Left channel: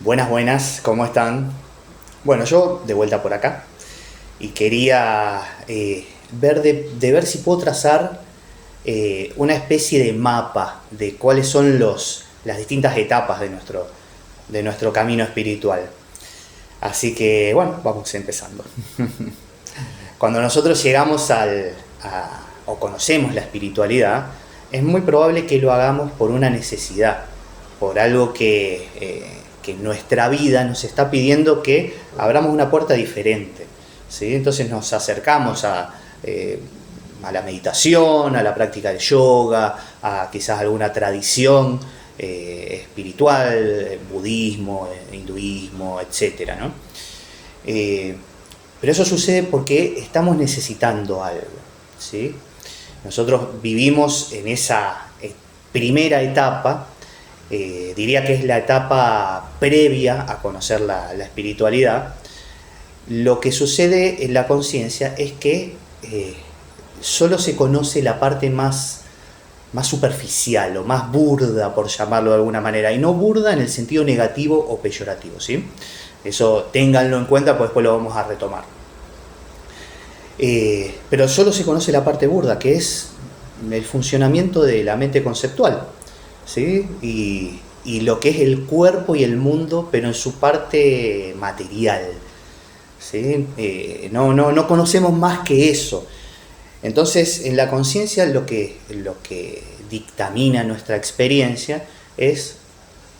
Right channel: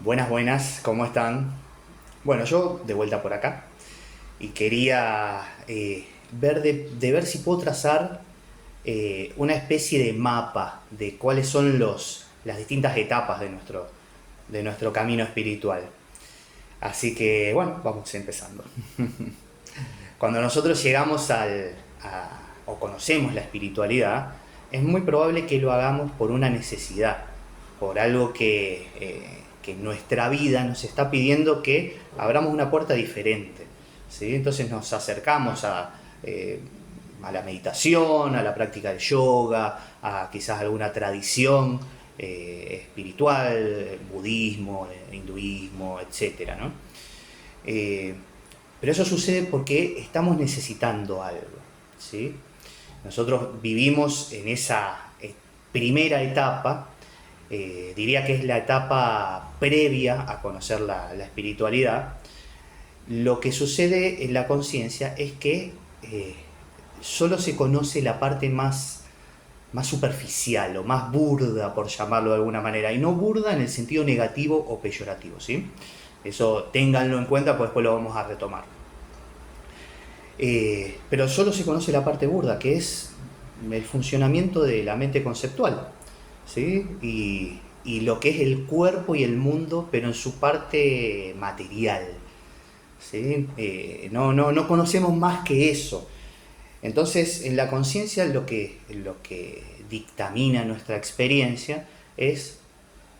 Buenas, buenas, ¿cómo están? Bueno, yo de vuelta por acá y quería de ver si puedo trazar una especie de mapa de cuáles son las distintas etapas de nuestro camino espiritual. Así que, bueno, vamos empezando. Cuando nosotros llegamos o conocemos la espiritualidad, es muy probable que lo hagamos por una necesidad, por algo que nuestra vida nos está pidiendo que abramos una puerta diferente. ¿Sí? Entonces nos acercamos a la meditación, a la práctica del yoga, a quizás alguna tradición espiritual, budismo, hinduismo, etcétera, ¿no? Eh, pero eso sucede porque estamos necesitando algo, ¿sí? Nosotros vivimos en esa primera etapa, diría que es la etapa previa a conocer la espiritualidad. Lo que sucede en la conciencia es que solo se conoce la parte más superficial o más burda, por llamarlo de alguna manera, y no burda en el sentido negativo o peyorativo, ¿sí? Eso ténganlo en cuenta, pues después lo vamos a retomar. Pero solo se conoce la parte burda, que es el funcionamiento de la mente conceptual, ¿sí? Y lo que es el cuerpo y el mundo, pero en su parte material, ¿sí? No conocemos más que eso. Entonces, en la conciencia lo que dictamina nuestra experiencia es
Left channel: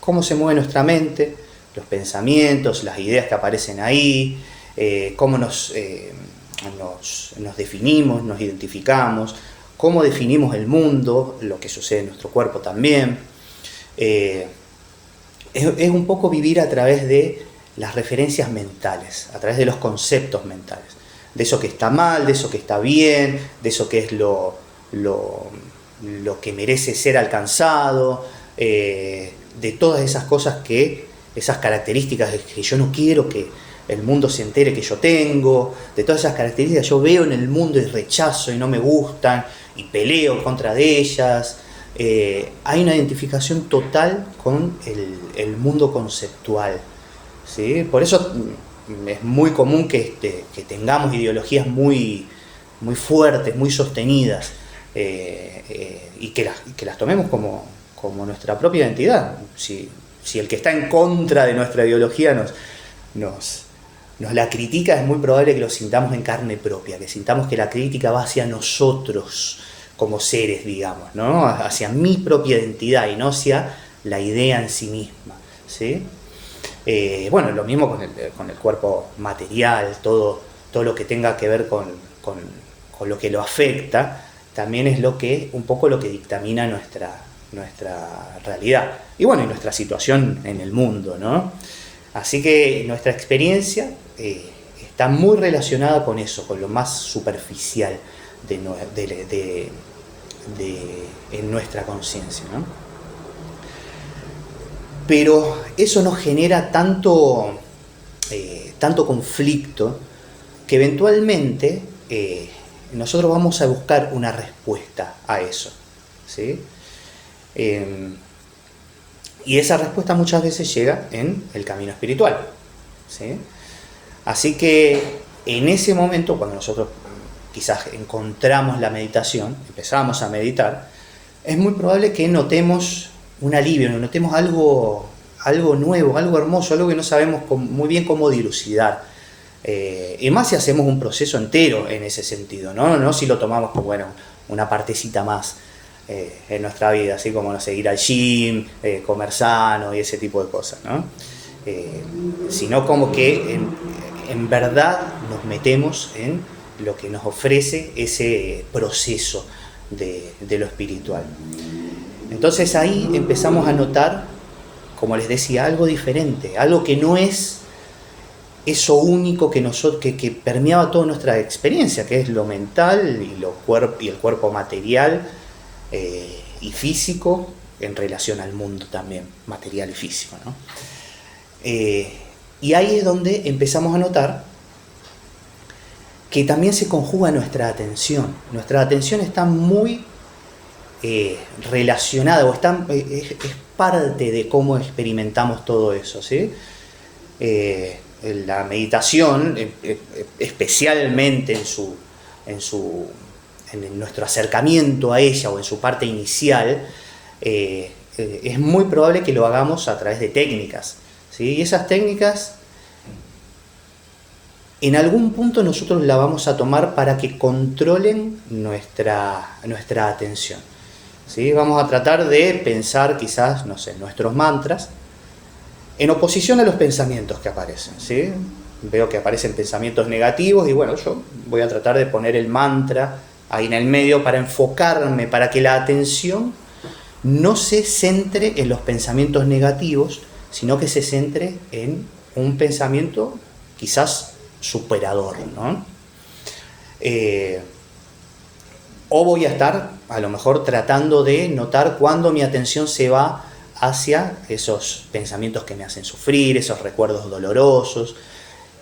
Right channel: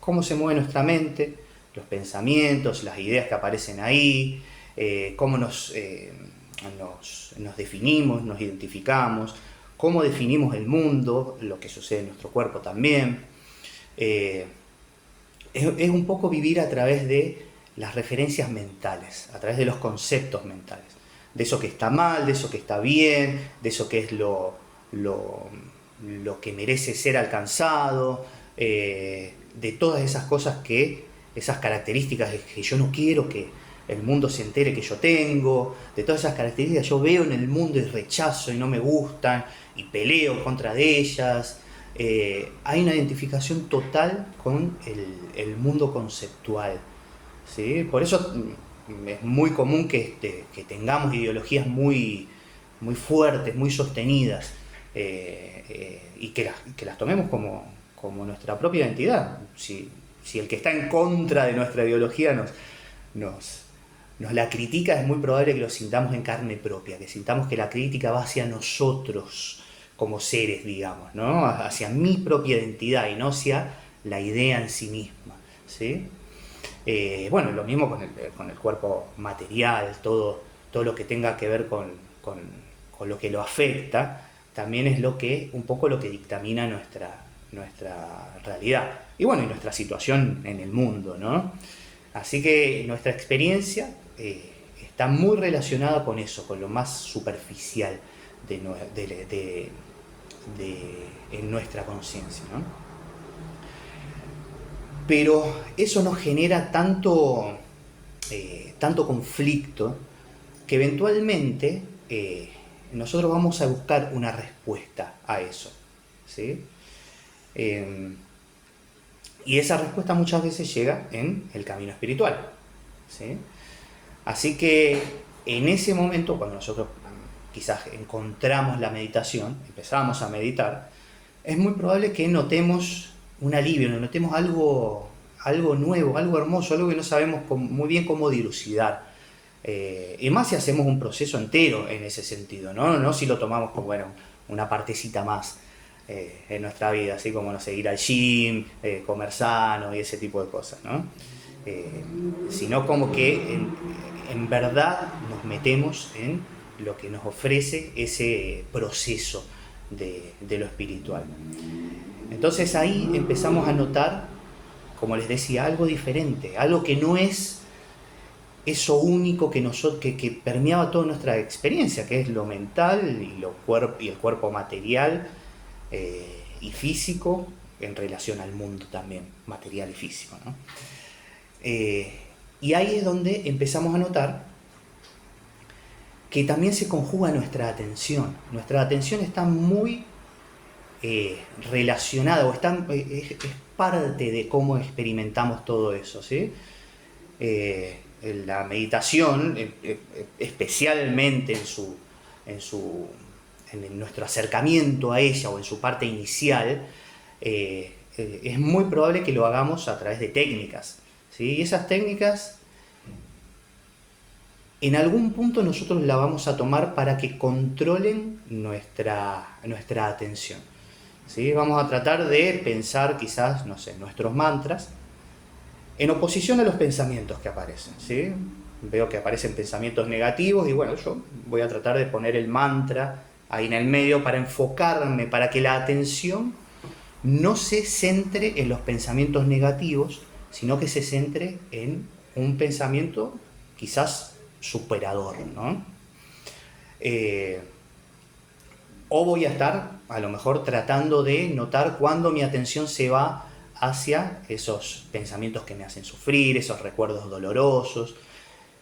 cómo se mueve nuestra mente, los pensamientos, las ideas que aparecen ahí, cómo nos definimos, nos identificamos, cómo definimos el mundo, lo que sucede en nuestro cuerpo también. Eh, es un poco vivir a través de las referencias mentales, a través de los conceptos mentales, de eso que está mal, de eso que está bien, de eso que es lo que merece ser alcanzado, de todas esas cosas esas características que yo no quiero que el mundo se entere que yo tengo, de todas esas características que yo veo en el mundo y rechazo y no me gustan y peleo contra de ellas. Hay una identificación total con el mundo conceptual, ¿sí? Por eso es muy común que tengamos ideologías muy fuertes, muy sostenidas, y que las tomemos como nuestra propia identidad. Si el que está en contra de nuestra ideología nos, nos la critica, es muy probable que lo sintamos en carne propia, que sintamos que la crítica va hacia nosotros como seres, digamos, ¿no? Hacia mi propia identidad y no hacia la idea en sí misma, ¿sí? Bueno, lo mismo con el cuerpo material, todo lo que tenga que ver con lo que lo afecta, también es un poco lo que dictamina nuestra realidad. Y bueno, y nuestra situación en el mundo, ¿no? Así que nuestra experiencia está muy relacionada con eso, con lo más superficial de, en nuestra conciencia, ¿no? Pero eso nos genera tanto conflicto que eventualmente nosotros vamos a buscar una respuesta a eso, ¿sí? Eh, y esa respuesta muchas veces llega en el camino espiritual, ¿sí? Así que en ese momento, cuando nosotros quizás encontramos la meditación, empezamos a meditar, es muy probable que notemos un alivio, notemos algo nuevo, algo hermoso, algo que no sabemos muy bien cómo dilucidar. Y más si hacemos un proceso entero en ese sentido, no si lo tomamos como bueno, una partecita más en nuestra vida, así como no sé, ir al gym, comer sano y ese tipo de cosas, ¿no? Eh, Sino como que en verdad nos metemos en lo que nos ofrece ese proceso de lo espiritual. Entonces ahí empezamos a notar, como les decía, algo diferente, algo que no es eso único que permeaba toda nuestra experiencia, que es lo mental y el cuerpo material y físico en relación al mundo también, material y físico, ¿no? Y ahí es donde empezamos a notar que también se conjuga nuestra atención. Nuestra atención está muy relacionada, o es parte de cómo experimentamos todo eso, ¿sí? La meditación, especialmente en nuestro acercamiento a ella o en su parte inicial, es muy probable que lo hagamos a través de técnicas, ¿sí? Y esas técnicas, en algún punto nosotros la vamos a tomar para que controlen nuestra atención, ¿sí? Vamos a tratar de pensar quizás, no sé, nuestros mantras en oposición a los pensamientos que aparecen, ¿sí? Veo que aparecen pensamientos negativos y bueno, yo voy a tratar de poner el mantra ahí en el medio para enfocarme, para que la atención no se centre en los pensamientos negativos, sino que se centre en un pensamiento quizás superador, ¿no? O voy a estar a lo mejor tratando de notar cuando mi atención se va hacia esos pensamientos que me hacen sufrir, esos recuerdos dolorosos,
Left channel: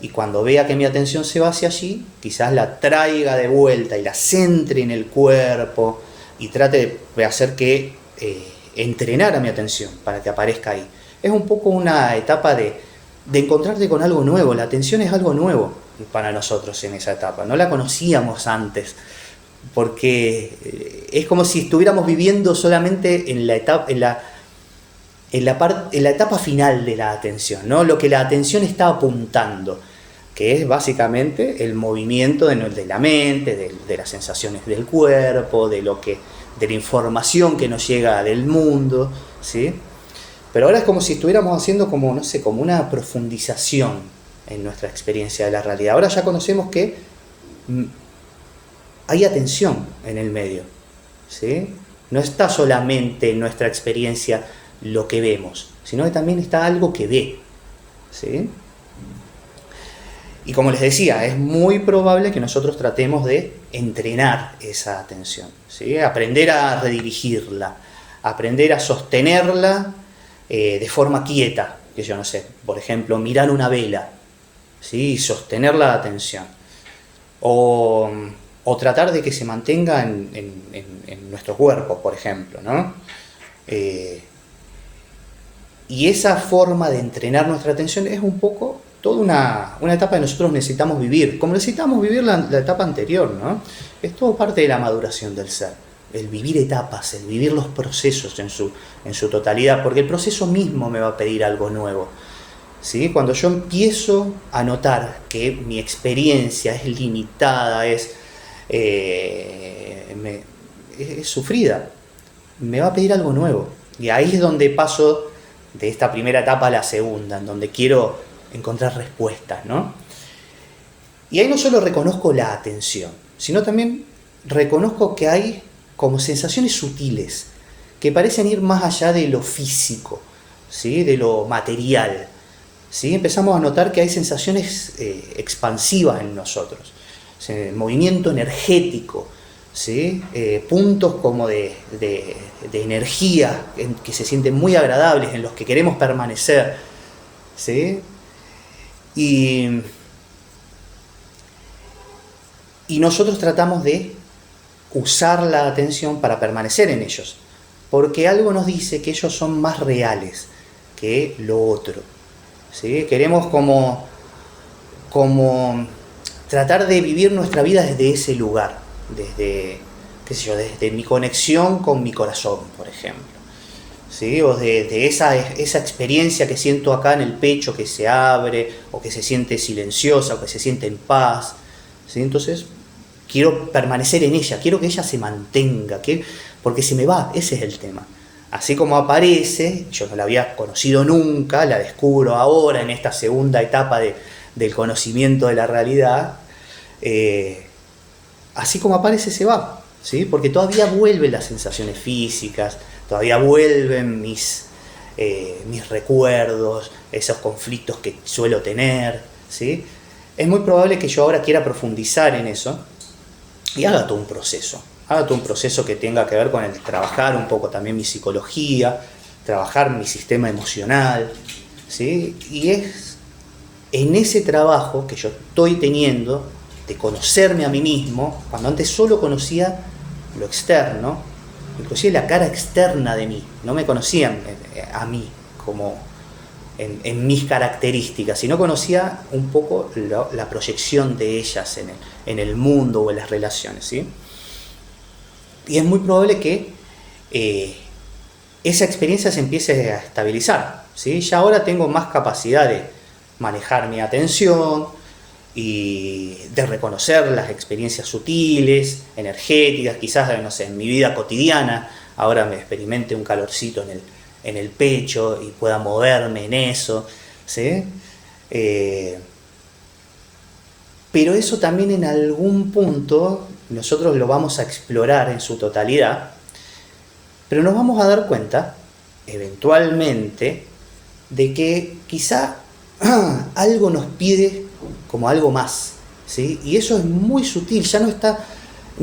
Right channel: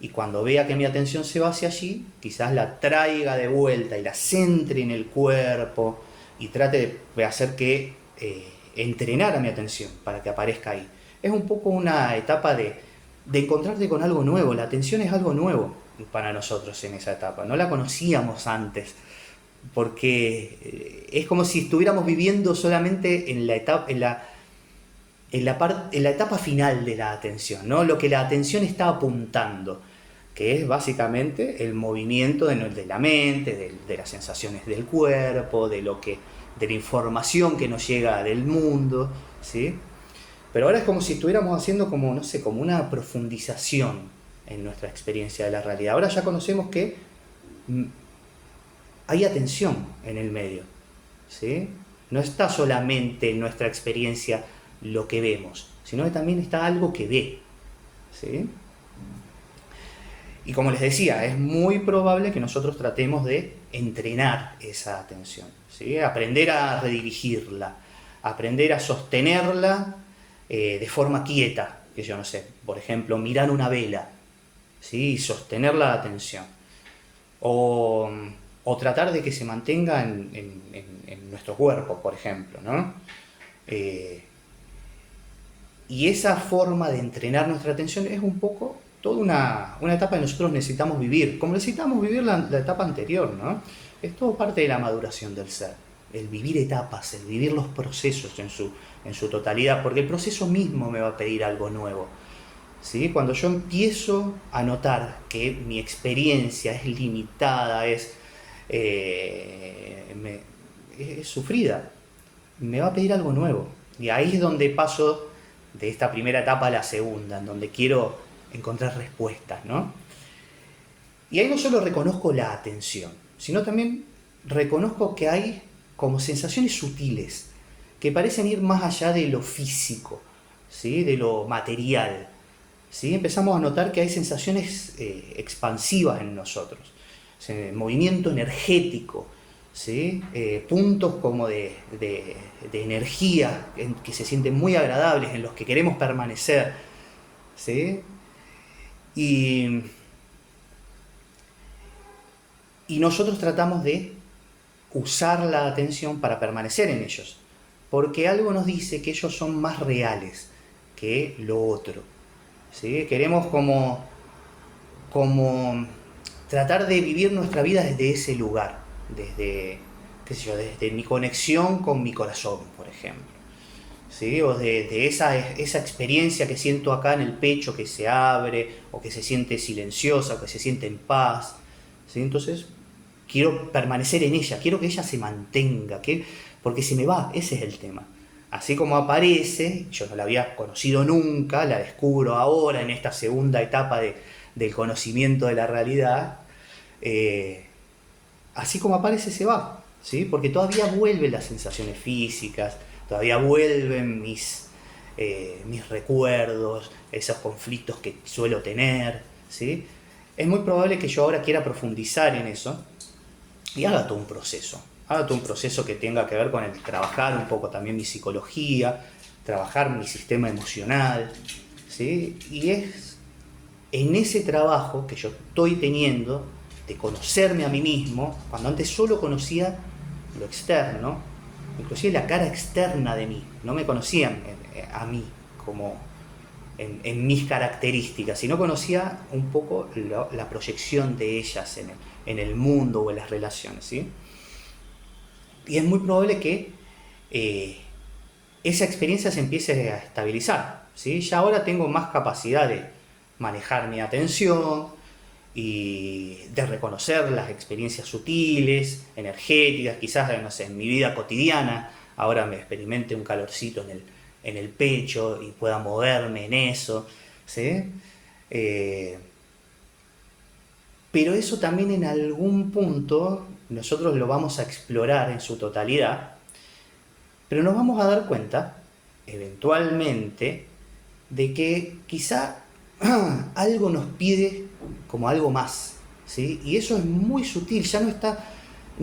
y cuando vea que mi atención se va hacia allí, quizás la traiga de vuelta y la centre en el cuerpo y trate de hacer que entrenar a mi atención para que aparezca ahí. Es un poco una etapa de encontrarte con algo nuevo. La atención es algo nuevo para nosotros en esa etapa, no la conocíamos antes, porque es como si estuviéramos viviendo solamente en la etapa final de la atención, ¿no? Lo que la atención está apuntando, que es básicamente el movimiento de la mente, de las sensaciones del cuerpo, de la información que nos llega del mundo, ¿sí? Pero ahora es como si estuviéramos haciendo como una profundización en nuestra experiencia de la realidad. Ahora ya conocemos que hay atención en el medio, ¿sí? No está solamente en nuestra experiencia lo que vemos, sino que también está algo que ve, ¿sí? Y como les decía, es muy probable que nosotros tratemos de entrenar esa atención, ¿sí? Aprender a redirigirla, aprender a sostenerla de forma quieta, que yo no sé, por ejemplo, mirar una vela, ¿sí? Y sostener la atención, o tratar de que se mantenga en nuestro cuerpo, por ejemplo, ¿no? Y esa forma de entrenar nuestra atención es un poco toda una etapa que nosotros necesitamos vivir, como necesitamos vivir la etapa anterior, ¿no? Es todo parte de la maduración del ser, el vivir etapas, el vivir los procesos en su totalidad, porque el proceso mismo me va a pedir algo nuevo, ¿sí? Cuando yo empiezo a notar que mi experiencia es limitada, es sufrida, me va a pedir algo nuevo, y ahí es donde paso de esta primera etapa a la segunda, en donde quiero encontrar respuestas, ¿no? Y ahí no solo reconozco la atención, sino también reconozco que hay como sensaciones sutiles que parecen ir más allá de lo físico, ¿sí? De lo material, ¿sí? Empezamos a notar que hay sensaciones expansivas en nosotros, ¿sí? Movimiento energético, ¿sí? Puntos como de energía que se sienten muy agradables, en los que queremos permanecer, ¿sí? Y nosotros tratamos de usar la atención para permanecer en ellos, porque algo nos dice que ellos son más reales que lo otro, ¿sí? Queremos como tratar de vivir nuestra vida desde ese lugar, desde mi conexión con mi corazón, por ejemplo, ¿sí? O de esa experiencia que siento acá en el pecho, que se abre, o que se siente silenciosa, o que se siente en paz, ¿sí? Entonces quiero permanecer en ella, quiero que ella se mantenga, porque se me va, ese es el tema. Así como aparece, yo no la había conocido nunca, la descubro ahora en esta segunda etapa del conocimiento de la realidad, así como aparece se va, ¿sí? Porque todavía vuelven las sensaciones físicas, todavía vuelven mis recuerdos, esos conflictos que suelo tener, ¿sí? Es muy probable que yo ahora quiera profundizar en eso y haga todo un proceso que tenga que ver con el trabajar un poco también mi psicología, trabajar mi sistema emocional, ¿sí? Y es en ese trabajo que yo estoy teniendo de conocerme a mí mismo, cuando antes solo conocía lo externo, inclusive la cara externa de mí. No me conocían a mí como en mis características, sino conocía un poco la proyección de ellas en el mundo o en las relaciones, ¿sí? Y es muy probable que esa experiencia se empiece a estabilizar, ¿sí? Ya ahora tengo más capacidad de manejar mi atención y de reconocer las experiencias sutiles, energéticas, quizás, no sé, en mi vida cotidiana, ahora me experimente un calorcito en el pecho y pueda moverme en eso, ¿sí? Pero eso también en algún punto nosotros lo vamos a explorar en su totalidad, pero nos vamos a dar cuenta, eventualmente, de que quizá algo nos pide como algo más, ¿sí? Y eso es muy sutil, ya no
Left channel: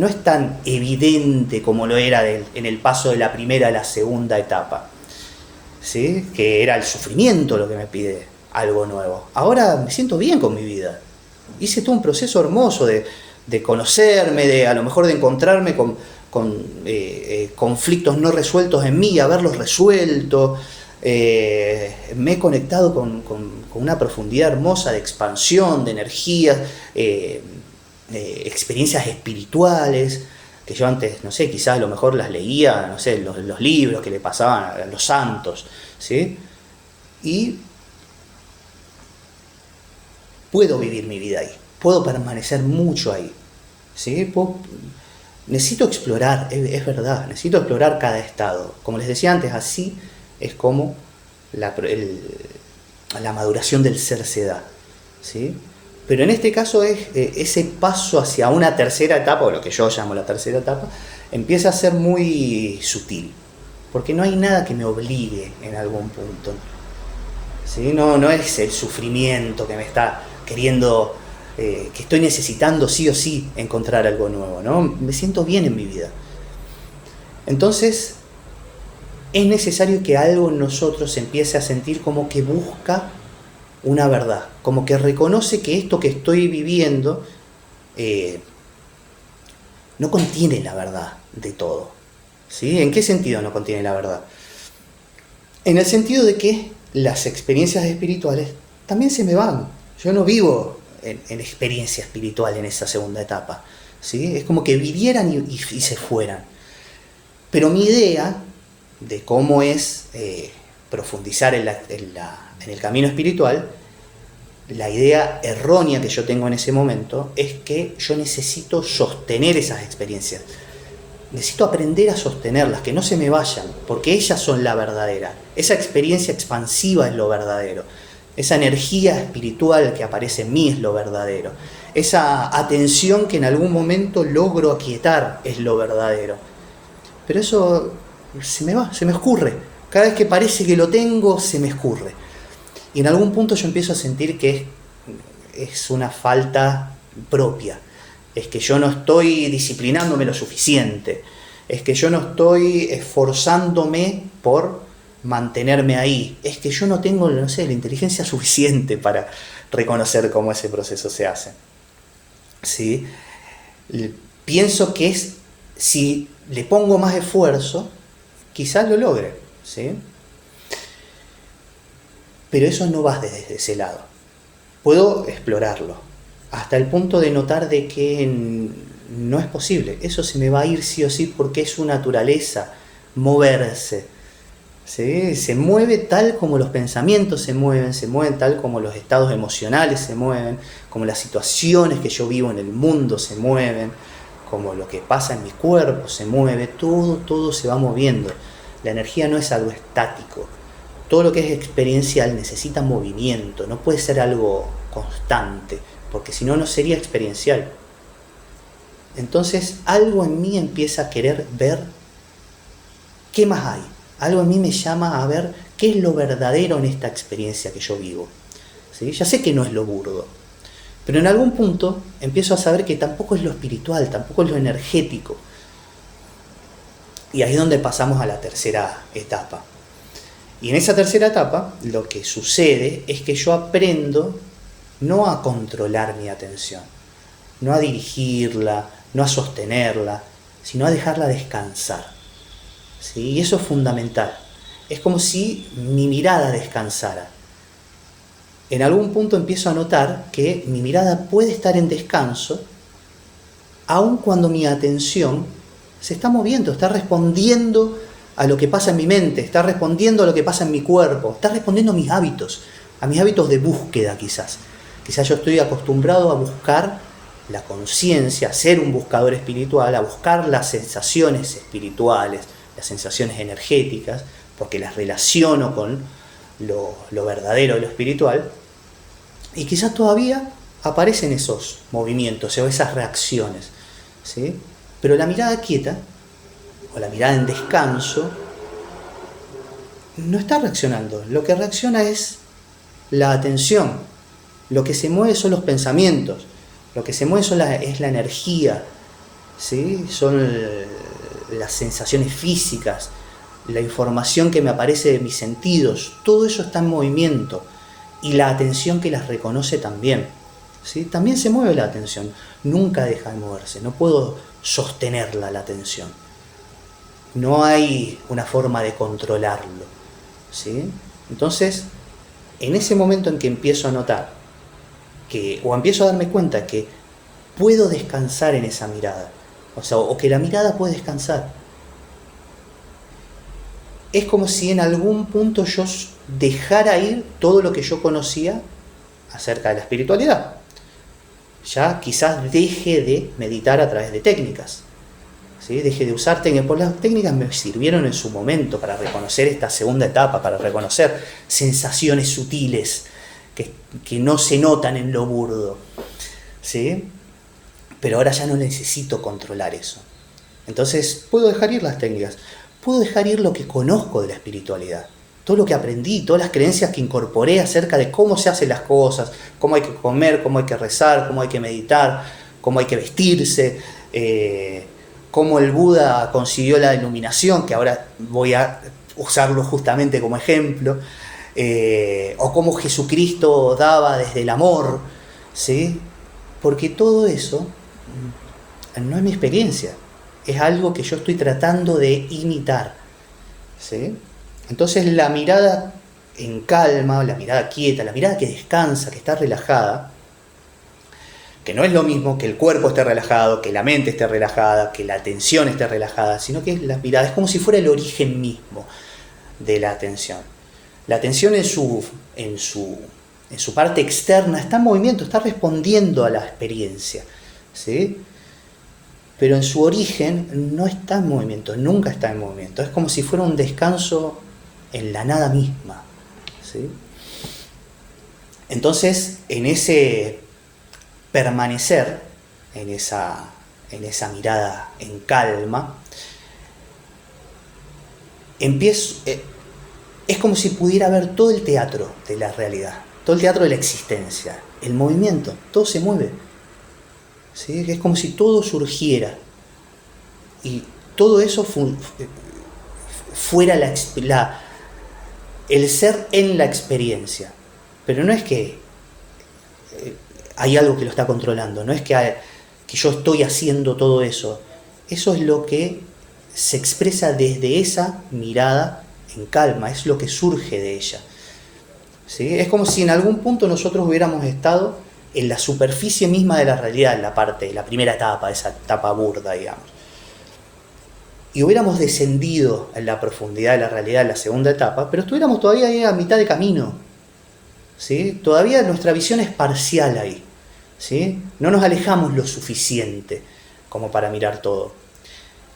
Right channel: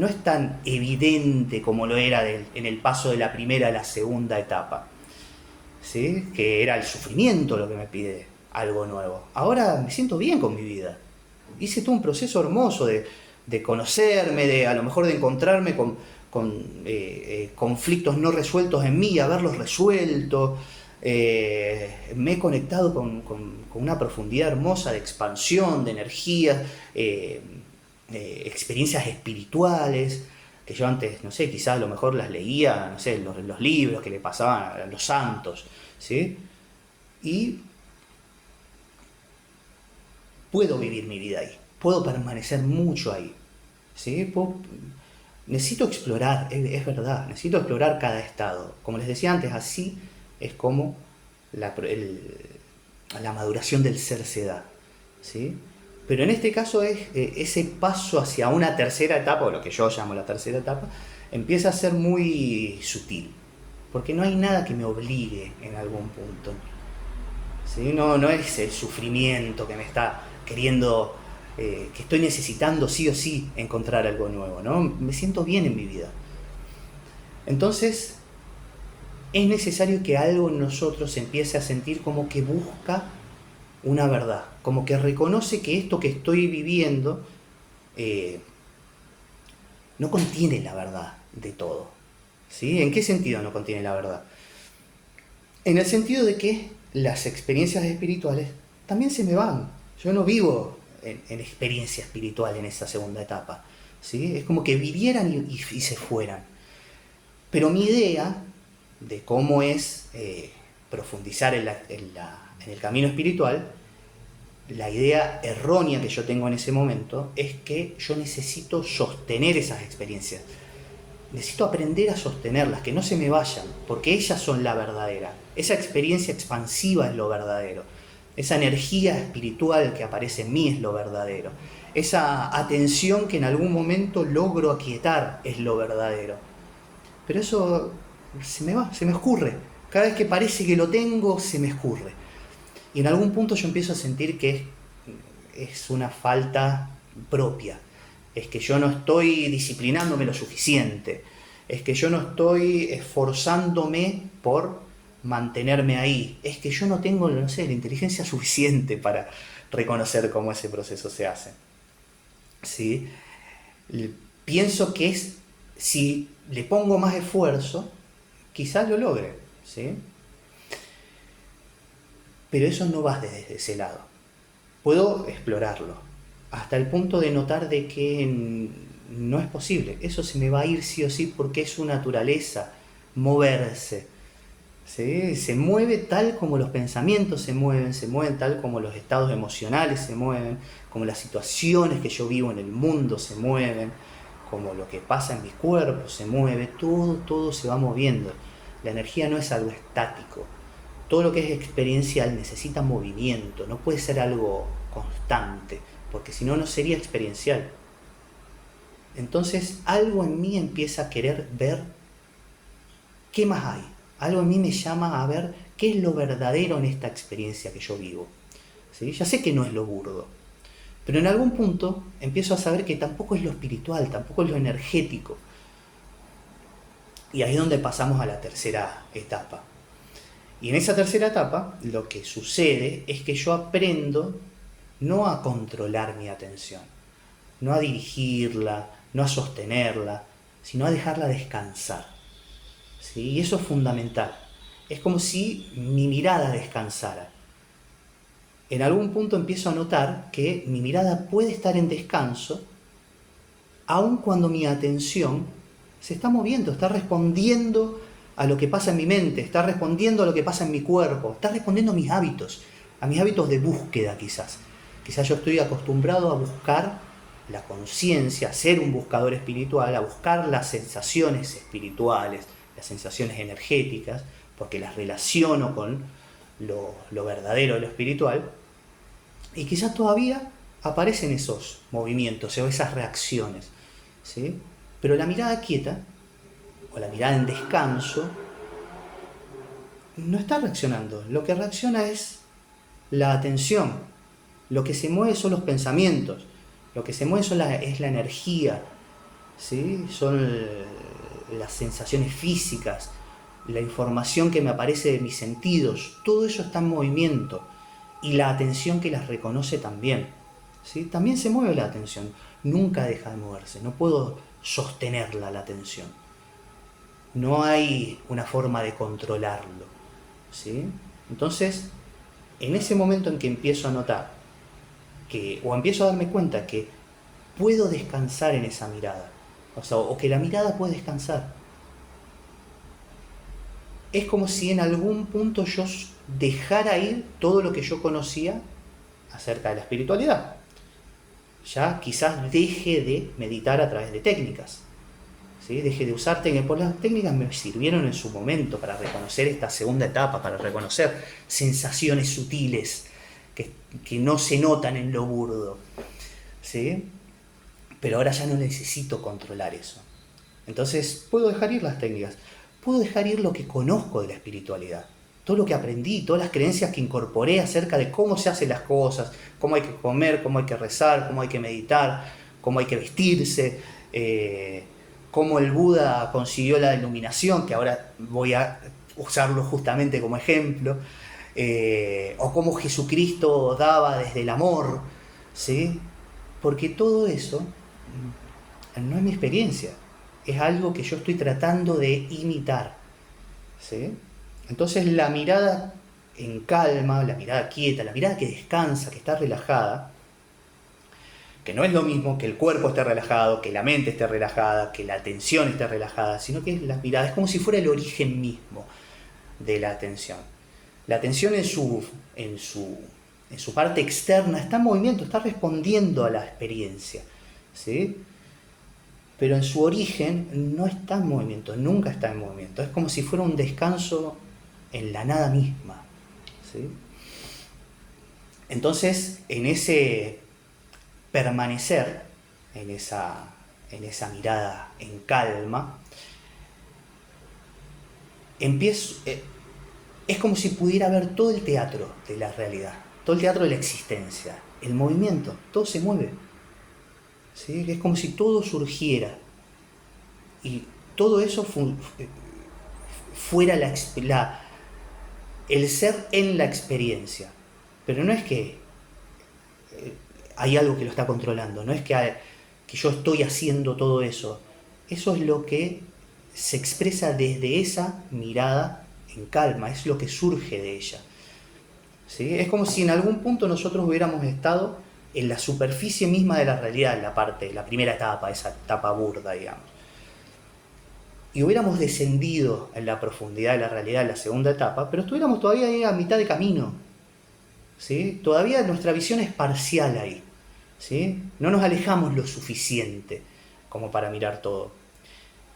es tan evidente como lo era en el paso de la primera a la segunda etapa, ¿sí? Que era el sufrimiento lo que me pide algo nuevo. Ahora me siento bien con mi vida. Hice todo un proceso hermoso de conocerme, de a lo mejor de encontrarme con conflictos no resueltos en mí, haberlos resuelto. Me he conectado con una profundidad hermosa de expansión, de energía, experiencias espirituales, que yo antes, no sé, quizás a lo mejor las leía, no sé, los libros que le pasaban a los santos, ¿sí? Y puedo vivir mi vida ahí, puedo permanecer mucho ahí, ¿sí? Necesito explorar, es verdad, necesito explorar cada estado. Como les decía antes, así es como la maduración del ser se da, ¿sí? Pero en este caso es ese paso hacia una tercera etapa, o lo que yo llamo la tercera etapa, empieza a ser muy sutil, porque no hay nada que me obligue en algún punto, ¿sí? No es el sufrimiento que me está queriendo, que estoy necesitando sí o sí encontrar algo nuevo, ¿no? Me siento bien en mi vida. Entonces, es necesario que algo en nosotros se empiece a sentir como que busca una verdad, como que reconoce que esto que estoy viviendo no contiene la verdad de todo, ¿sí? ¿En qué sentido no contiene la verdad? En el sentido de que las experiencias espirituales también se me van. Yo no vivo en experiencia espiritual en esa segunda etapa, ¿sí? Es como que vivieran y se fueran. Pero mi idea de cómo es profundizar en el camino espiritual, la idea errónea que yo tengo en ese momento es que yo necesito sostener esas experiencias. Necesito aprender a sostenerlas, que no se me vayan, porque ellas son la verdadera. Esa experiencia expansiva es lo verdadero. Esa energía espiritual que aparece en mí es lo verdadero. Esa atención que en algún momento logro aquietar es lo verdadero. Pero eso se me va, se me escurre. Cada vez que parece que lo tengo, se me escurre. Y en algún punto yo empiezo a sentir que es una falta propia. Es que yo no estoy disciplinándome lo suficiente. Es que yo no estoy esforzándome por mantenerme ahí. Es que yo no tengo, no sé, la inteligencia suficiente para reconocer cómo ese proceso se hace. ¿Sí? Pienso que si le pongo más esfuerzo, quizás lo logre, ¿sí? Pero eso no va desde ese lado. Puedo explorarlo hasta el punto de notar de que no es posible. Eso se me va a ir sí o sí porque es su naturaleza, moverse, ¿sí? Se mueve tal como los pensamientos se mueven tal como los estados emocionales se mueven, como las situaciones que yo vivo en el mundo se mueven, como lo que pasa en mi cuerpo se mueve, todo se va moviendo. La energía no es algo estático. Todo lo que es experiencial necesita movimiento, no puede ser algo constante, porque si no, no sería experiencial. Entonces, algo en mí empieza a querer ver qué más hay. Algo en mí me llama a ver qué es lo verdadero en esta experiencia que yo vivo, ¿sí? Ya sé que no es lo burdo, pero en algún punto empiezo a saber que tampoco es lo espiritual, tampoco es lo energético. Y ahí es donde pasamos a la tercera etapa. Y en esa tercera etapa lo que sucede es que yo aprendo no a controlar mi atención, no a dirigirla, no a sostenerla, sino a dejarla descansar. ¿sí? Y eso es fundamental. Es como si mi mirada descansara. En algún punto empiezo a notar que mi mirada puede estar en descanso, aun cuando mi atención se está moviendo, está respondiendo a lo que pasa en mi mente, está respondiendo a lo que pasa en mi cuerpo, está respondiendo a mis hábitos de búsqueda quizás. Quizás yo estoy acostumbrado a buscar la conciencia, a ser un buscador espiritual, a buscar las sensaciones espirituales, las sensaciones energéticas, porque las relaciono con lo verdadero, lo espiritual, y quizás todavía aparecen esos movimientos o esas reacciones, ¿sí? Pero la mirada quieta, o la mirada en descanso, no está reaccionando. Lo que reacciona es la atención. Lo que se mueve son los pensamientos. Lo que se mueve es la energía, ¿sí? Son las sensaciones físicas, la información que me aparece de mis sentidos. Todo eso está en movimiento. Y la atención que las reconoce también, ¿sí? También se mueve la atención. Nunca deja de moverse. No puedo sostenerla la atención. No hay una forma de controlarlo, ¿sí? Entonces, en ese momento en que empiezo a notar o empiezo a darme cuenta que puedo descansar en esa mirada, o que la mirada puede descansar, es como si en algún punto yo dejara ir todo lo que yo conocía acerca de la espiritualidad. Ya quizás deje de meditar a través de técnicas, ¿sí? Deje de usar técnicas, porque las técnicas me sirvieron en su momento para reconocer esta segunda etapa, para reconocer sensaciones sutiles que no se notan en lo burdo, ¿sí? Pero ahora ya no necesito controlar eso. Entonces puedo dejar ir las técnicas, puedo dejar ir lo que conozco de la espiritualidad, todo lo que aprendí, todas las creencias que incorporé acerca de cómo se hacen las cosas, cómo hay que comer, cómo hay que rezar, cómo hay que meditar, cómo hay que vestirse, cómo el Buda consiguió la iluminación, que ahora voy a usarlo justamente como ejemplo, o cómo Jesucristo daba desde el amor, ¿sí? Porque todo eso no es mi experiencia, es algo que yo estoy tratando de imitar, ¿sí? Entonces la mirada en calma, la mirada quieta, la mirada que descansa, que está relajada, que no es lo mismo que el cuerpo esté relajado, que la mente esté relajada, que la atención esté relajada, sino que la mirada es como si fuera el origen mismo de la atención. La atención en su parte externa está en movimiento, está respondiendo a la experiencia, ¿sí? Pero en su origen no está en movimiento, nunca está en movimiento. Es como si fuera un descanso en la nada misma, ¿sí? Entonces, en ese permanecer, en esa mirada en calma, es como si pudiera ver todo el teatro de la realidad, todo el teatro de la existencia, el movimiento, todo se mueve, ¿sí? Es como si todo surgiera y todo eso fuera el ser en la experiencia. Pero no es que hay algo que lo está controlando, no es que yo estoy haciendo todo eso. Eso es lo que se expresa desde esa mirada en calma, es lo que surge de ella, ¿sí? Es como si en algún punto nosotros hubiéramos estado en la superficie misma de la realidad, en la primera etapa, esa etapa burda, digamos. Y hubiéramos descendido en la profundidad de la realidad en la segunda etapa, pero estuviéramos todavía ahí a mitad de camino, ¿sí? Todavía nuestra visión es parcial ahí, ¿sí? No nos alejamos lo suficiente como para mirar todo.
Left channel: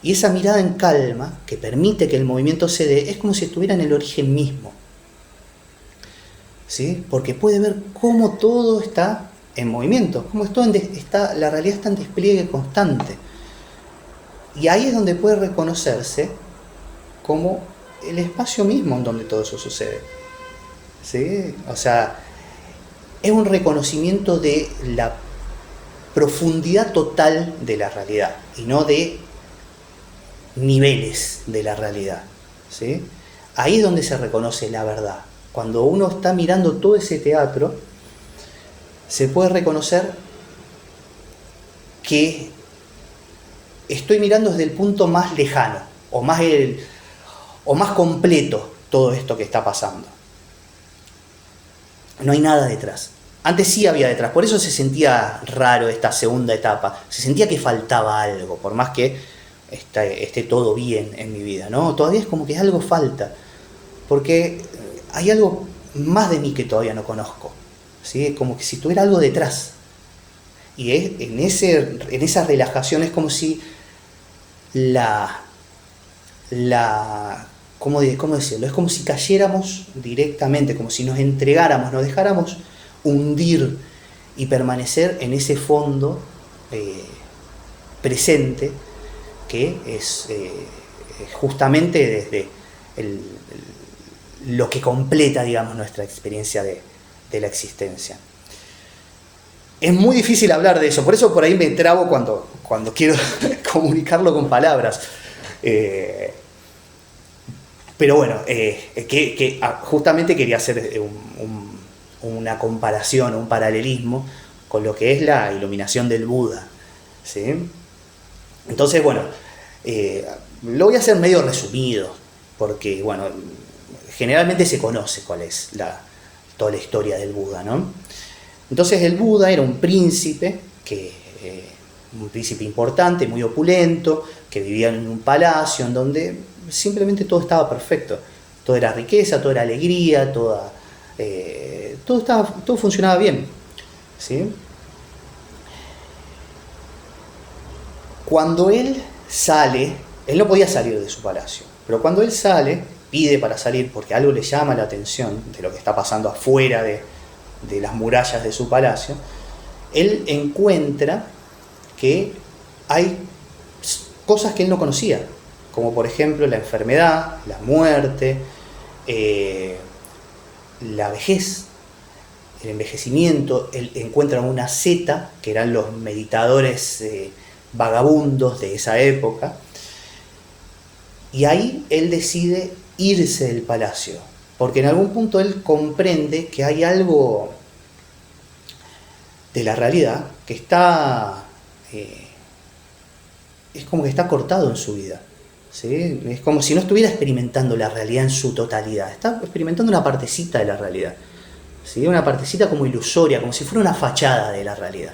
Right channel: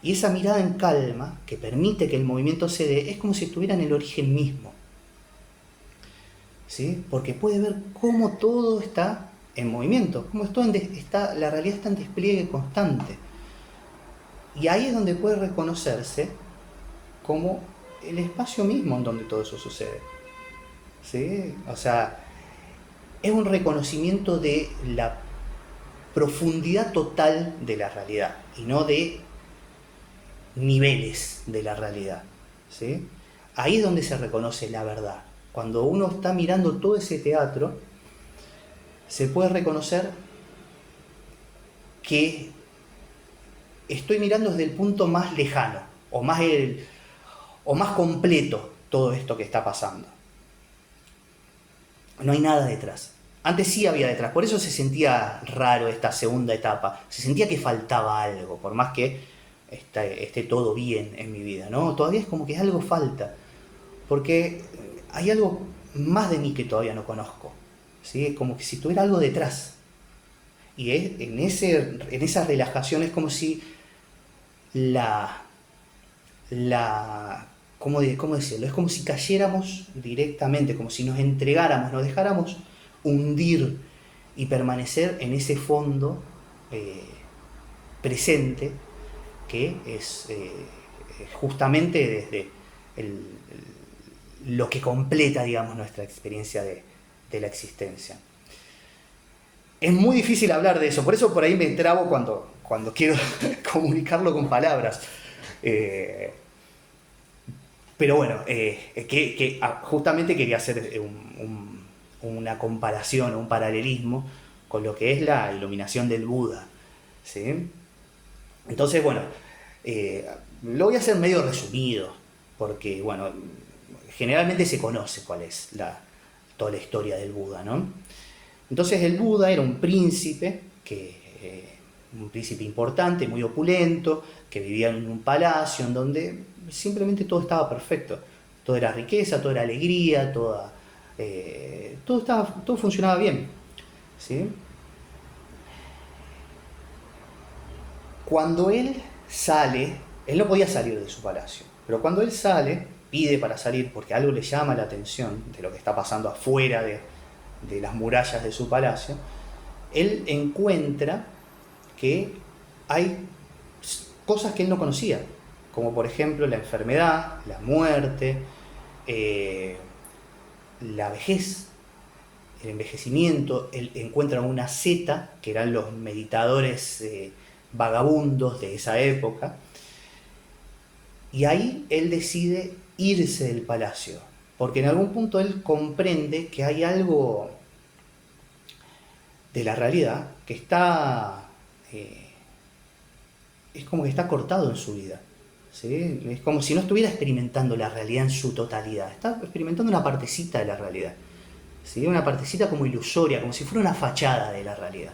Y esa mirada en calma, que permite que el movimiento se dé, es como si estuviera en el origen mismo, ¿sí? Porque puede ver cómo todo está en movimiento, cómo la realidad está en despliegue constante. Y ahí es donde puede reconocerse como el espacio mismo en donde todo eso sucede, ¿sí? O sea, es un reconocimiento de la profundidad total de la realidad y no de niveles de la realidad, ¿sí? Ahí es donde se reconoce la verdad. Cuando uno está mirando todo ese teatro, se puede reconocer que estoy mirando desde el punto más lejano, o más o más completo todo esto que está pasando. No hay nada detrás. Antes sí había detrás, por eso se sentía raro esta segunda etapa, se sentía que faltaba algo, por más que esté todo bien en mi vida, ¿no? Todavía es como que algo falta, porque hay algo más de mí que todavía no conozco, ¿sí? Como que si tuviera algo detrás. Y en esa relajación es como si ¿cómo decirlo? Es como si cayéramos directamente, como si nos entregáramos, nos dejáramos hundir y permanecer en ese fondo presente que es justamente desde lo que completa, digamos, nuestra experiencia de la existencia. Es muy difícil hablar de eso, por eso por ahí me trabo cuando quiero comunicarlo con palabras. Pero bueno, justamente quería hacer una comparación, un paralelismo con lo que es la iluminación del Buda, ¿sí? Entonces, bueno, lo voy a hacer medio resumido, porque, bueno, generalmente se conoce cuál es toda la historia del Buda, ¿no? Entonces el Buda era un príncipe, un príncipe importante, muy opulento, que vivía en un palacio en donde simplemente todo estaba perfecto. Todo era riqueza, todo era alegría, todo funcionaba bien, ¿sí? Cuando él sale, él no podía salir de su palacio, pero cuando él sale, pide para salir porque algo le llama la atención de lo que está pasando afuera de las murallas de su palacio, él encuentra que hay cosas que él no conocía, como por ejemplo la enfermedad, la muerte, la vejez, el envejecimiento. Él encuentra una seta, que eran los meditadores vagabundos de esa época, y ahí él decide irse del palacio, porque en algún punto él comprende que hay algo de la realidad que es como que está cortado en su vida, ¿sí? Es como si no estuviera experimentando la realidad en su totalidad, está experimentando una partecita de la realidad, ¿sí? Una partecita como ilusoria, como si fuera una fachada de la realidad,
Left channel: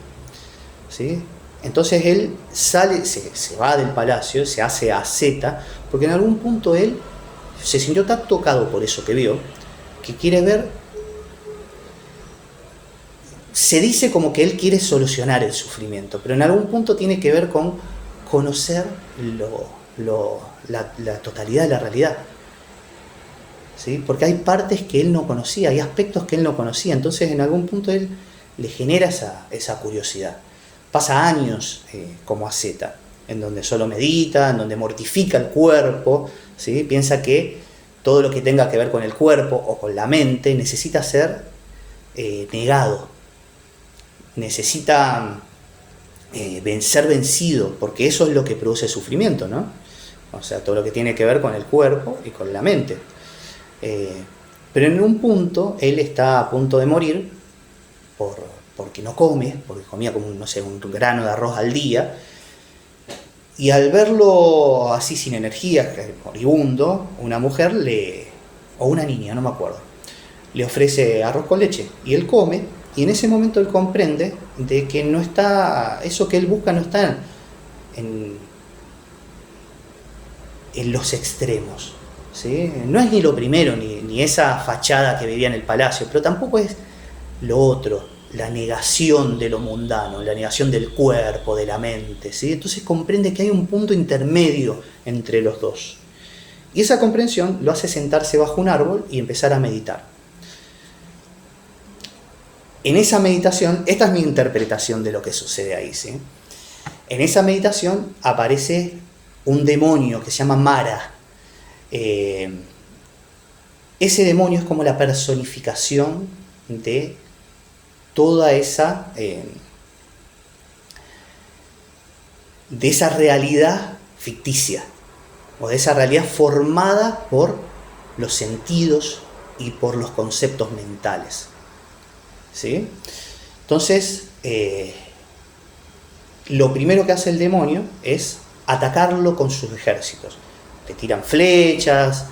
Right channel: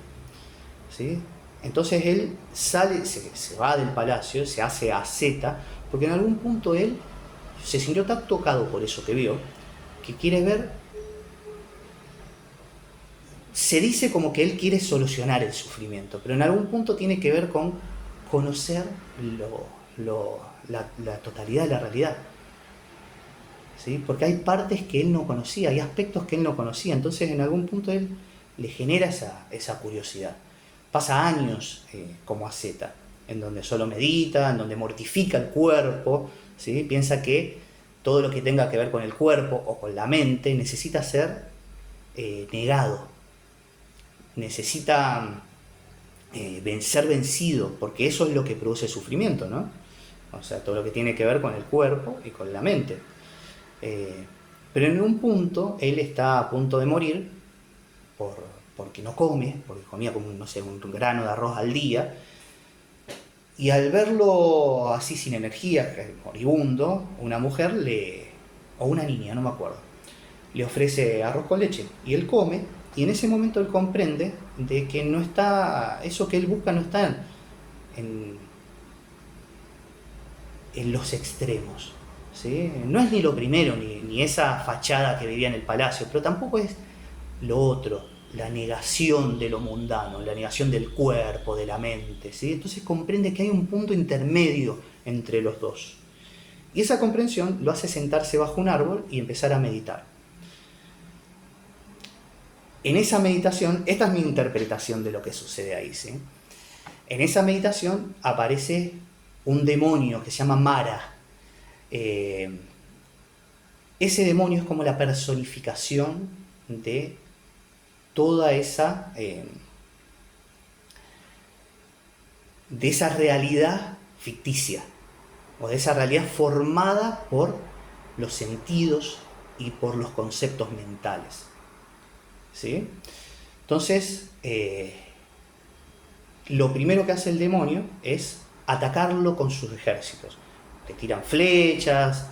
¿sí? Entonces él sale, se va del palacio, se hace asceta, porque en algún punto él se sintió tan tocado por eso que vio, que quiere ver. Se dice como que él quiere solucionar el sufrimiento, pero en algún punto tiene que ver con conocer la totalidad de la realidad, ¿sí? Porque hay partes que él no conocía, hay aspectos que él no conocía, entonces en algún punto él le genera esa curiosidad. Pasa años como asceta, en donde solo medita, en donde mortifica el cuerpo, ¿sí? Piensa que todo lo que tenga que ver con el cuerpo o con la mente necesita ser negado, necesita ser vencido, porque eso es lo que produce sufrimiento, ¿no? O sea, todo lo que tiene que ver con el cuerpo y con la mente. Pero en un punto él está a punto de morir porque no come, porque comía como un grano de arroz al día, y al verlo así sin energía, moribundo, una mujer o una niña, no me acuerdo, le ofrece arroz con leche y él come, y en ese momento él comprende de que no está, eso que él busca no está en los extremos, ¿sí? No es ni lo primero, ni esa fachada que vivía en el palacio, pero tampoco es lo otro, la negación de lo mundano, la negación del cuerpo, de la mente, ¿sí? Entonces comprende que hay un punto intermedio entre los dos. Y esa comprensión lo hace sentarse bajo un árbol y empezar a meditar. En esa meditación, esta es mi interpretación de lo que sucede ahí, ¿sí? En esa meditación aparece un demonio que se llama Mara. Ese demonio es como la personificación de toda esa realidad ficticia, o de esa realidad formada por los sentidos y por los conceptos mentales, ¿sí? Entonces, lo primero que hace el demonio es atacarlo con sus ejércitos. Le tiran flechas,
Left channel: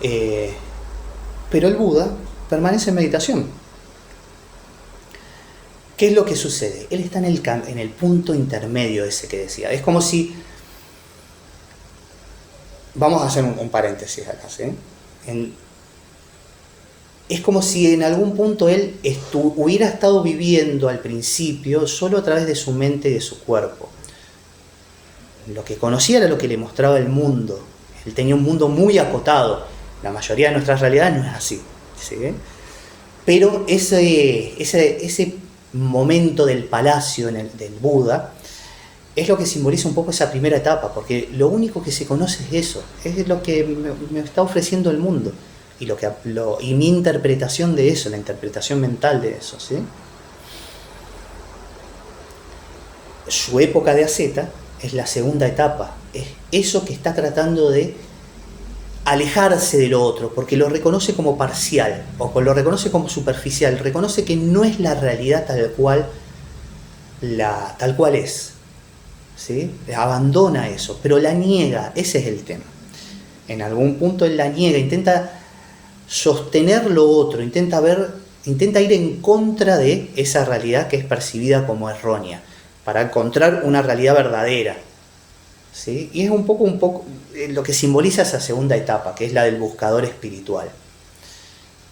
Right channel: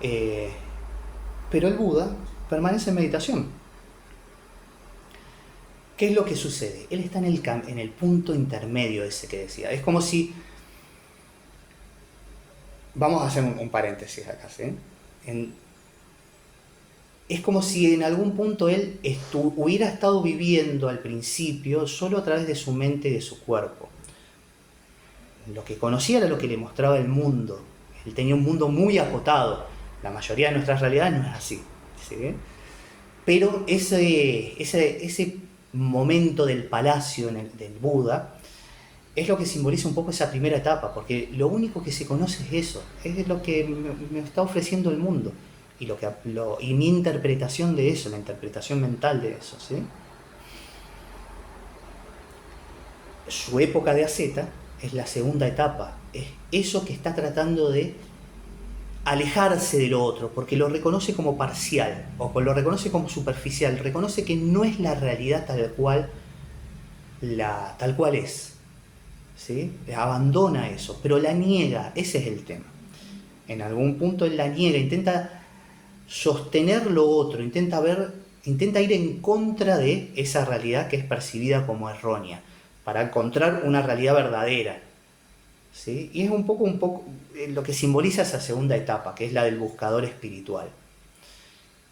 Pero el Buda permanece en meditación. ¿Qué es lo que sucede? Él está en el punto intermedio ese que decía. Es como si... Vamos a hacer un paréntesis acá, ¿sí? Es como si en algún punto él hubiera estado viviendo al principio solo a través de su mente y de su cuerpo. Lo que conocía era lo que le mostraba el mundo. Él tenía un mundo muy acotado. La mayoría de nuestras realidades no es así, ¿sí? Pero ese momento del palacio del Buda es lo que simboliza un poco esa primera etapa, porque lo único que se conoce es eso, es lo que me está ofreciendo el mundo. Y mi interpretación de eso, la interpretación mental de eso, ¿sí? Su época de asceta es la segunda etapa, es eso que está tratando de alejarse de lo otro, porque lo reconoce como parcial, o lo reconoce como superficial, reconoce que no es la realidad tal cual es, ¿sí? Abandona eso, pero la niega, ese es el tema. En algún punto él la niega, intenta sostener lo otro, intenta ir en contra de esa realidad que es percibida como errónea, para encontrar una realidad verdadera, ¿sí? Y es un poco lo que simboliza esa segunda etapa, que es la del buscador espiritual,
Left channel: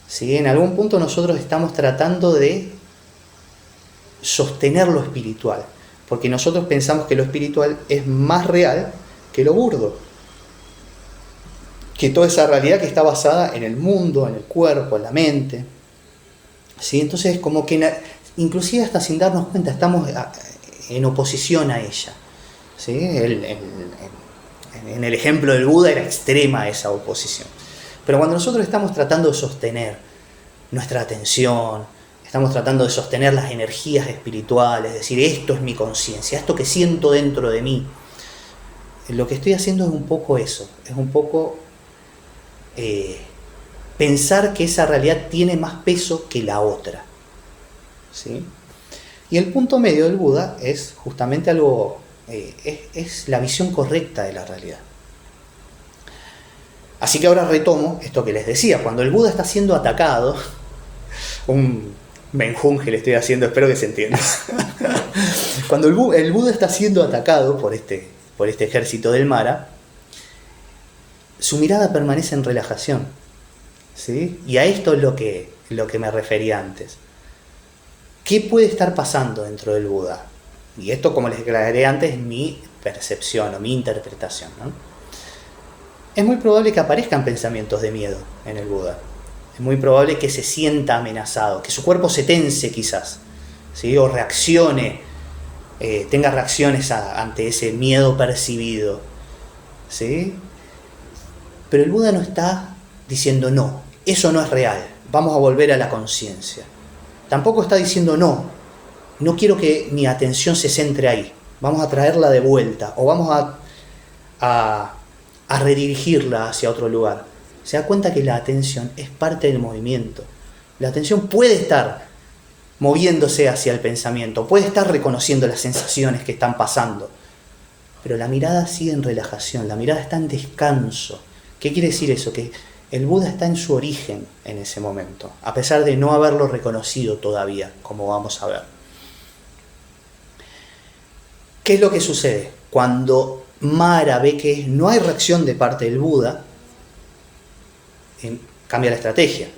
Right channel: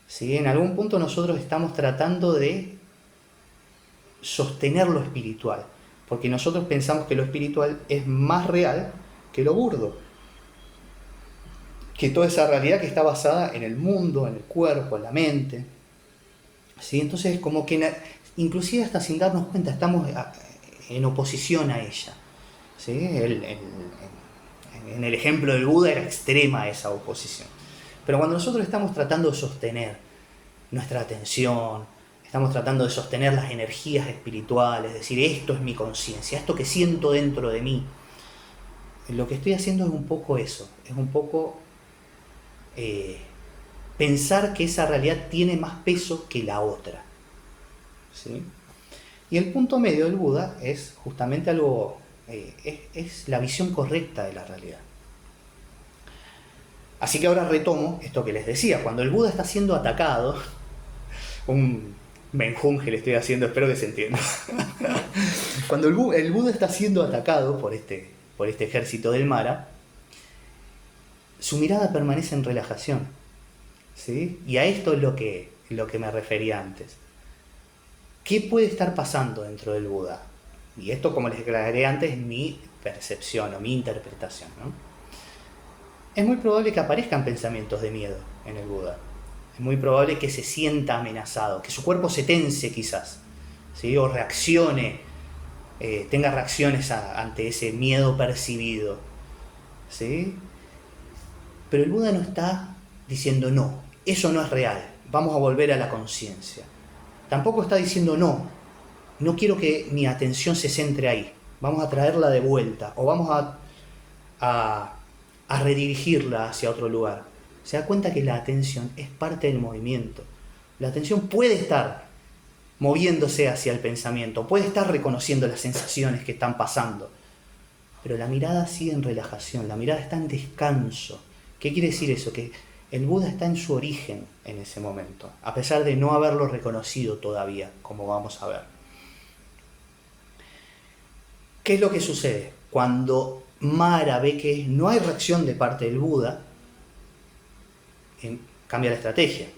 ¿sí? En algún punto nosotros estamos tratando de sostener lo espiritual, porque nosotros pensamos que lo espiritual es más real que lo burdo, que toda esa realidad que está basada en el mundo, en el cuerpo, en la mente, ¿sí? Entonces como que inclusive hasta sin darnos cuenta estamos en oposición a ella, ¿sí? En el ejemplo del Buda era extrema esa oposición. Pero cuando nosotros estamos tratando de sostener nuestra atención, estamos tratando de sostener las energías espirituales, decir, esto es mi conciencia, esto que siento dentro de mí, lo que estoy haciendo es un poco eso, es un poco pensar que esa realidad tiene más peso que la otra, ¿sí? Y el punto medio del Buda es justamente algo, es la visión correcta de la realidad. Así que ahora retomo esto que les decía, cuando el Buda está siendo atacado, un menjunje le estoy haciendo, espero que se entienda. Cuando el Buda está siendo atacado por este ejército del Mara, su mirada permanece en relajación, ¿sí? Y a esto es lo que me refería antes. ¿Qué puede estar pasando dentro del Buda? Y esto, como les aclaré antes, es mi percepción o mi interpretación, ¿no? Es muy probable que aparezcan pensamientos de miedo en el Buda. Es muy probable que se sienta amenazado, que su cuerpo se tense quizás, ¿sí? O reaccione, tenga reacciones ante ese miedo percibido, ¿sí? Pero el Buda no está diciendo no, eso no es real, vamos a volver a la conciencia. Tampoco está diciendo no quiero que mi atención se centre ahí, vamos a traerla de vuelta o vamos a redirigirla hacia otro lugar. Se da cuenta que la atención es parte del movimiento. La atención puede estar moviéndose hacia el pensamiento, puede estar reconociendo las sensaciones que están pasando, pero la mirada sigue en relajación, la mirada está en descanso. ¿Qué quiere decir eso? Que el Buda está en su origen en ese momento, a pesar de no haberlo reconocido todavía, como vamos a ver. ¿Qué es lo que sucede? Cuando Mara ve que no hay reacción de parte del Buda, cambia la estrategia,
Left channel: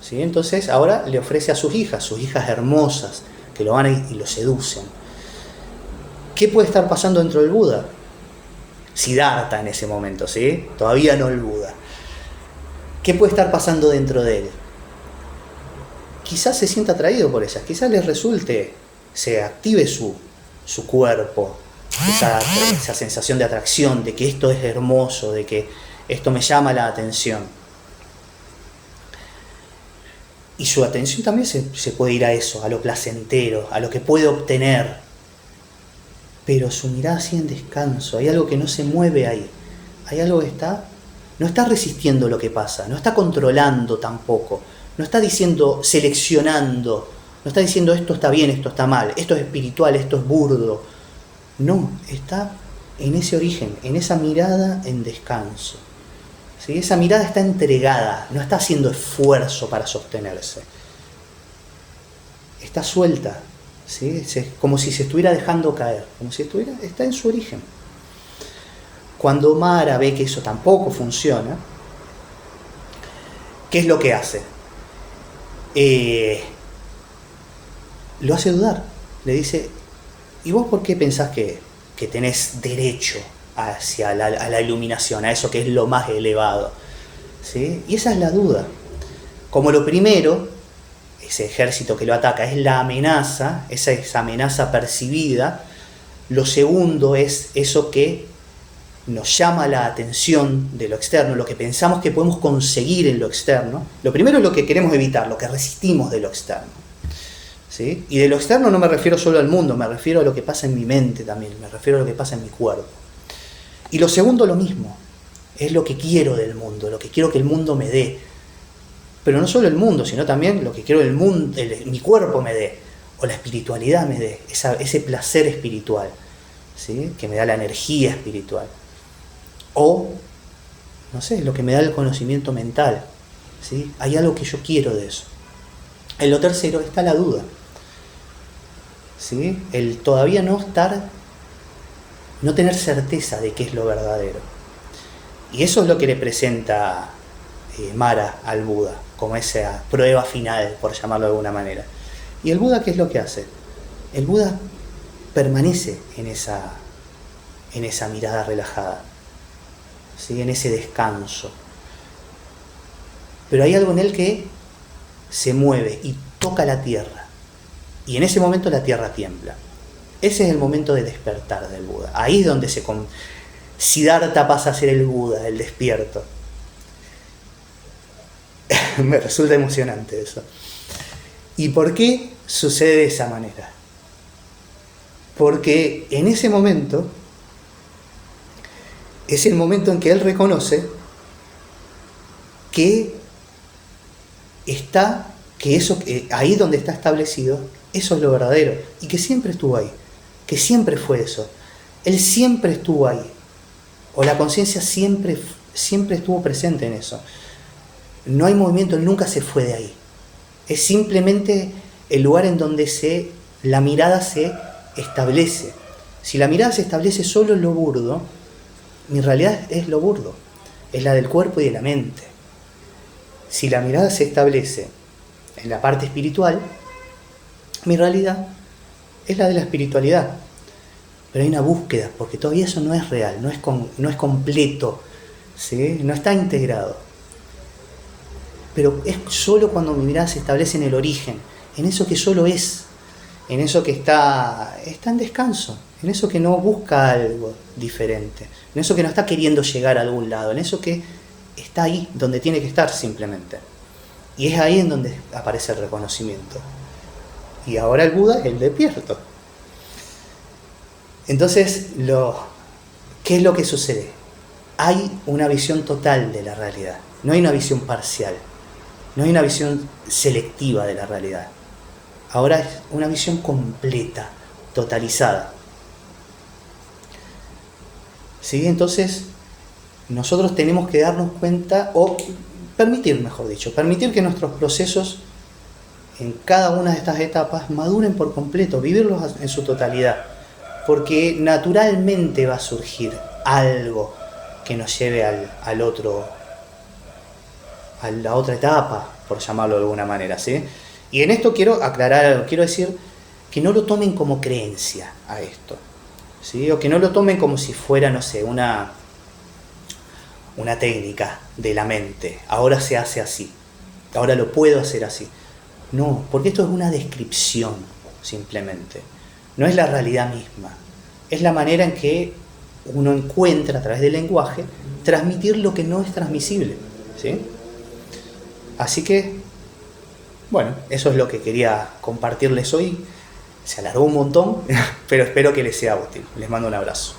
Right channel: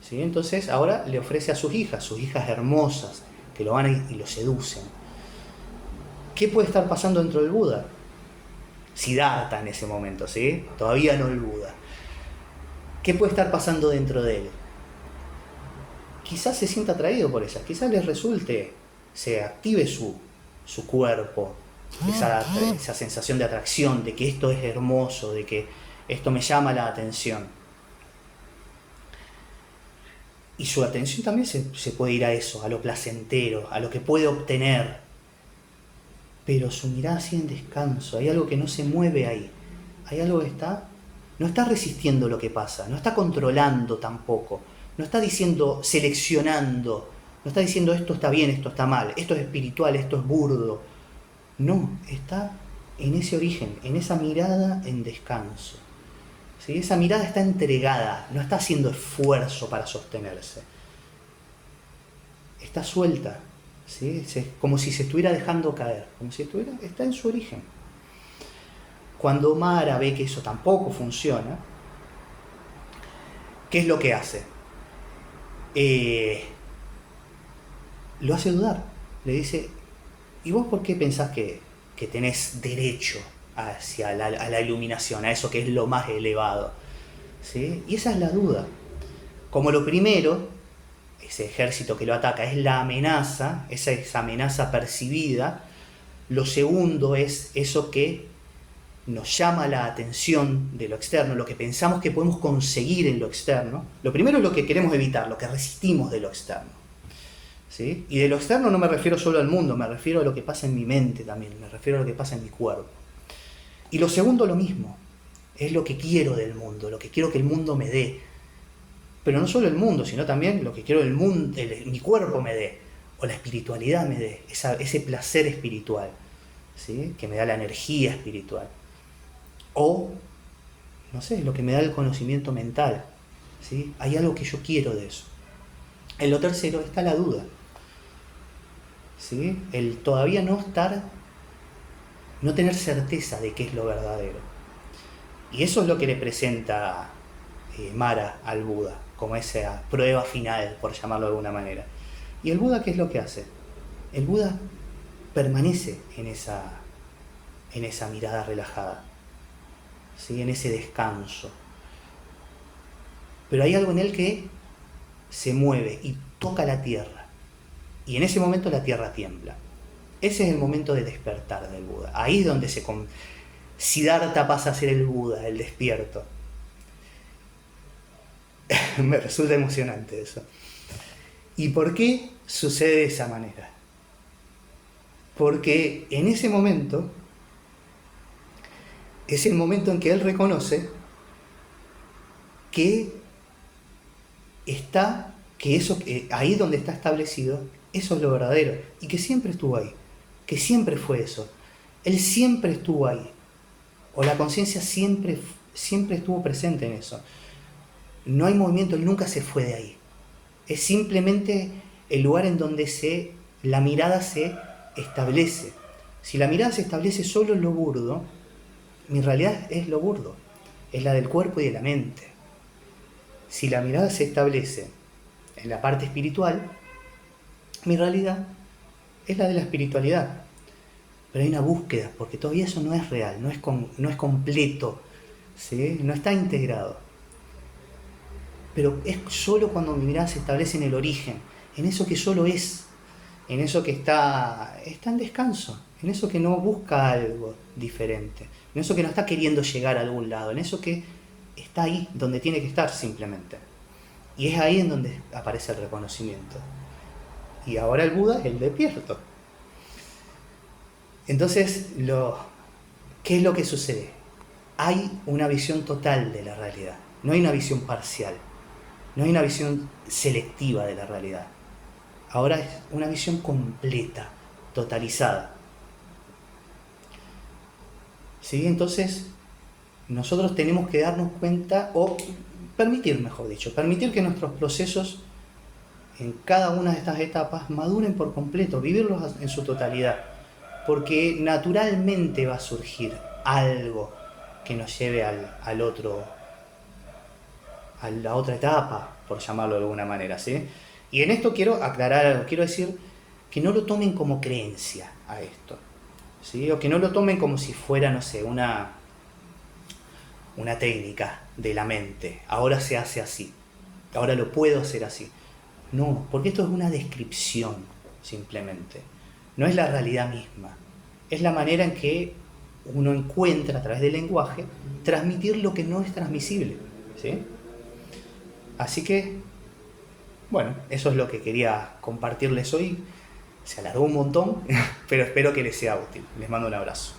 ¿sí? Entonces ahora le ofrece a sus hijas hermosas, que lo van y lo seducen. ¿Qué puede estar pasando dentro del Buda? Siddhartha en ese momento, ¿sí? Todavía no el Buda. ¿Qué puede estar pasando dentro de él? Quizás se sienta atraído por esas, quizás les resulte, se active su cuerpo, esa sensación de atracción, de que esto es hermoso, de que esto me llama la atención. Y su atención también se puede ir a eso, a lo placentero, a lo que puede obtener. Pero su mirada sigue en descanso, hay algo que no se mueve ahí, hay algo que no está resistiendo lo que pasa, no está controlando tampoco, no está diciendo, seleccionando, no está diciendo esto está bien, esto está mal, esto es espiritual, esto es burdo. No, está en ese origen, en esa mirada en descanso, ¿sí? Esa mirada está entregada, no está haciendo esfuerzo para sostenerse. Está suelta, ¿sí? Es como si se estuviera dejando caer, como si está en su origen. Cuando Mara ve que eso tampoco funciona, ¿qué es lo que hace? Lo hace dudar. Le dice, ¿y vos por qué pensás que tenés derecho hacia a la iluminación, a eso que es lo más elevado? ¿Sí? Y esa es la duda. Como lo primero, ese ejército que lo ataca es la amenaza, esa amenaza percibida. Lo segundo es eso que nos llama la atención de lo externo, lo que pensamos que podemos conseguir en lo externo. Lo primero es lo que queremos evitar, lo que resistimos de lo externo, ¿sí? Y de lo externo no me refiero solo al mundo, me refiero a lo que pasa en mi mente también, me refiero a lo que pasa en mi cuerpo. Y lo segundo lo mismo, es lo que quiero del mundo, lo que quiero que el mundo me dé. Pero no solo el mundo, sino también lo que quiero mi cuerpo me dé, o la espiritualidad me dé, ese placer espiritual, ¿sí? Que me da la energía espiritual. O, no sé, lo que me da el conocimiento mental, ¿sí? Hay algo que yo quiero de eso. En lo tercero está la duda, ¿sí? El todavía no tener certeza de qué es lo verdadero. Y eso es lo que le presenta Mara al Buda, como esa prueba final, por llamarlo de alguna manera. ¿Y el Buda qué es lo que hace? El Buda permanece en esa mirada relajada, ¿sí? En ese descanso. Pero hay algo en él que se mueve y toca la tierra. Y en ese momento la tierra tiembla. Ese es el momento de despertar del Buda. Ahí es donde Siddhartha pasa a ser el Buda, el despierto. Me resulta emocionante eso. ¿Y por qué sucede de esa manera? Porque en ese momento es el momento en que él reconoce que ahí donde está establecido, eso es lo verdadero, y que siempre estuvo ahí, que siempre fue eso. Él siempre estuvo ahí, o la conciencia siempre estuvo presente en eso. No hay movimiento, él nunca se fue de ahí. Es simplemente el lugar en donde la mirada se establece. Si la mirada se establece solo en lo burdo, mi realidad es lo burdo, es la del cuerpo y de la mente. Si la mirada se establece en la parte espiritual, mi realidad es la de la espiritualidad. Pero hay una búsqueda, porque todavía eso no es real, no es completo, ¿sí? No está integrado. Pero es solo cuando mi mirada se establece en el origen, en eso que solo es, en eso que está en descanso, en eso que no busca algo diferente, en eso que no está queriendo llegar a algún lado, en eso que está ahí donde tiene que estar simplemente. Y es ahí en donde aparece el reconocimiento. Y ahora el Buda es el despierto. Entonces, ¿qué es lo que sucede? Hay una visión total de la realidad, no hay una visión parcial, no hay una visión selectiva de la realidad. Ahora es una visión completa, totalizada. ¿Sí? Entonces, nosotros tenemos que darnos cuenta, o permitir que nuestros procesos en cada una de estas etapas maduren por completo, vivirlos en su totalidad, porque naturalmente va a surgir algo que nos lleve a la otra etapa, por llamarlo de alguna manera, ¿sí? Y en esto quiero aclarar algo, quiero decir que no lo tomen como creencia a esto, ¿sí? O que no lo tomen como si fuera, no sé, una técnica de la mente. Ahora se hace así, ahora lo puedo hacer así. No, porque esto es una descripción, simplemente. No es la realidad misma. Es la manera en que uno encuentra a través del lenguaje transmitir lo que no es transmisible, ¿sí? Así que, bueno, eso es lo que quería compartirles hoy. Se alargó un montón, pero espero que les sea útil. Les mando un abrazo.